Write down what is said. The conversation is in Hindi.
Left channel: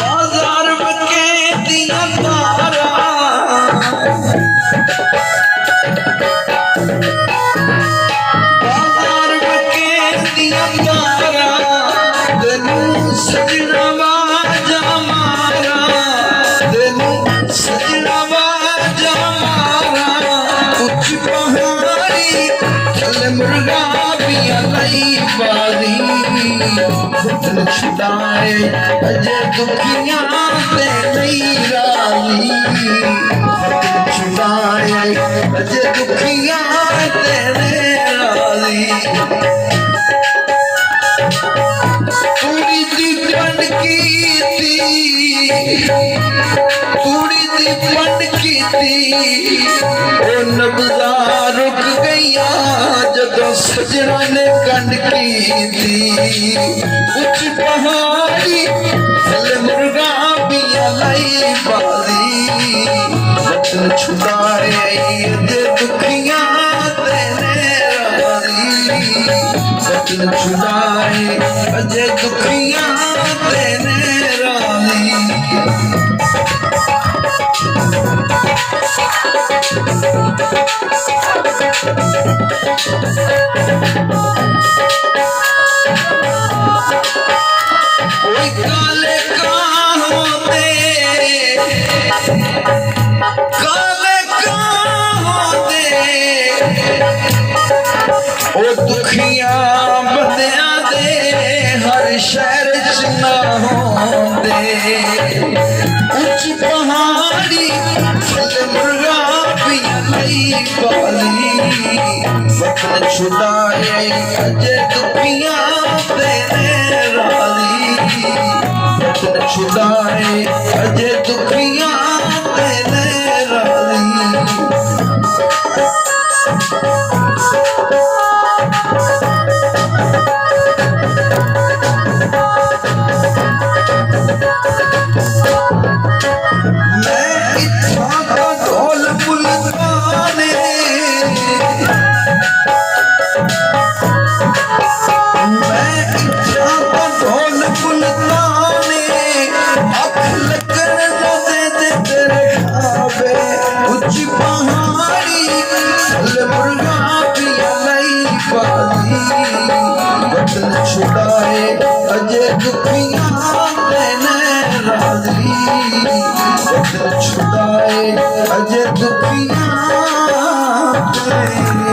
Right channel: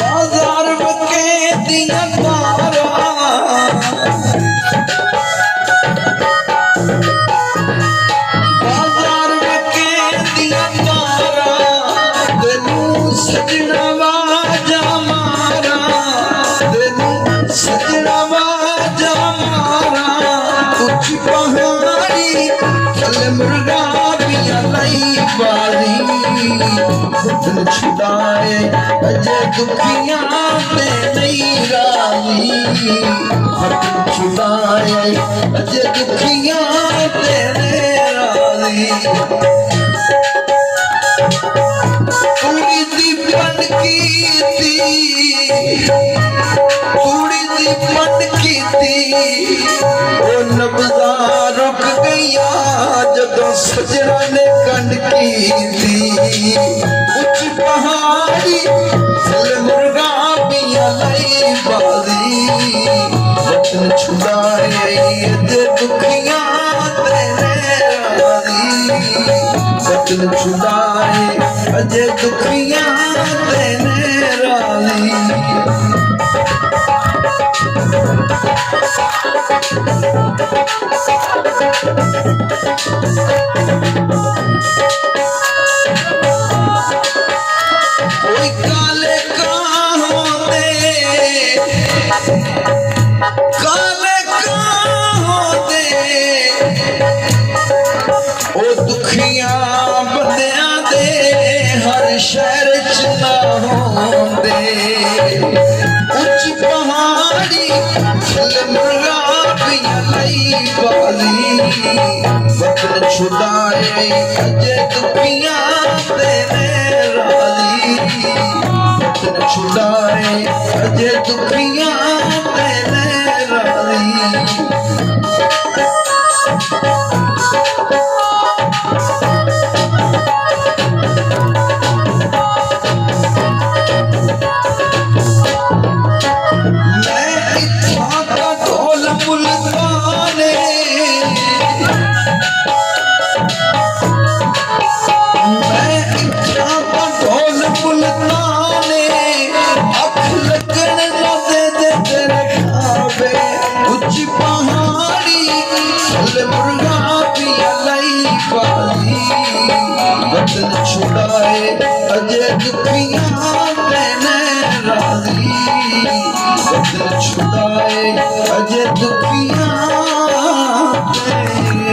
बाजार बके दिया तारा बाजार बके दिया तारा तेनू सजना वाजा मारा तेनू सजना वाजा मारा कुछ पहाड़ी चल मुर्गा पिया नहीं बाजी दिल छुड़ाए अजय दुखिया से नहीं राजी दिल छुड़ाए अजय दुखिया से नहीं राजी थोड़ी सी बन की थी थोड़ी सी बन की थी ओ नब्ज़ा रुक गया जगह सजना ने कंड की थी कुछ पहाड़ी चल मुर्गा पिया लाई बाजी वतन छुड़ाए अजय दुखिया तेरे राजी वतन छुड़ाए अजय दुखिया तेरे राजी कोई काले होते ओ दुखिया बंदियां दे हर शहर च ना होंदे उच्च पहाड़ी चल मुर्गा पिया लाई बाजी वतन छुड़ाए अजय दुखिया तेरे राजी वतन छुड़ाए अजय दुखिया तेरे राजी मैं इच्छा का ढोल बुलगाने मैं इच्छा का ढोल बुलगाने अख लगन न दे दे तेरे खाबे उच्च पहाड़ी चल मुर्गा पिया लाई बाजी वतन छुड़ाए अजय दुखिया तेरे राजी वतन छुड़ाए अजय दुखिया तेरे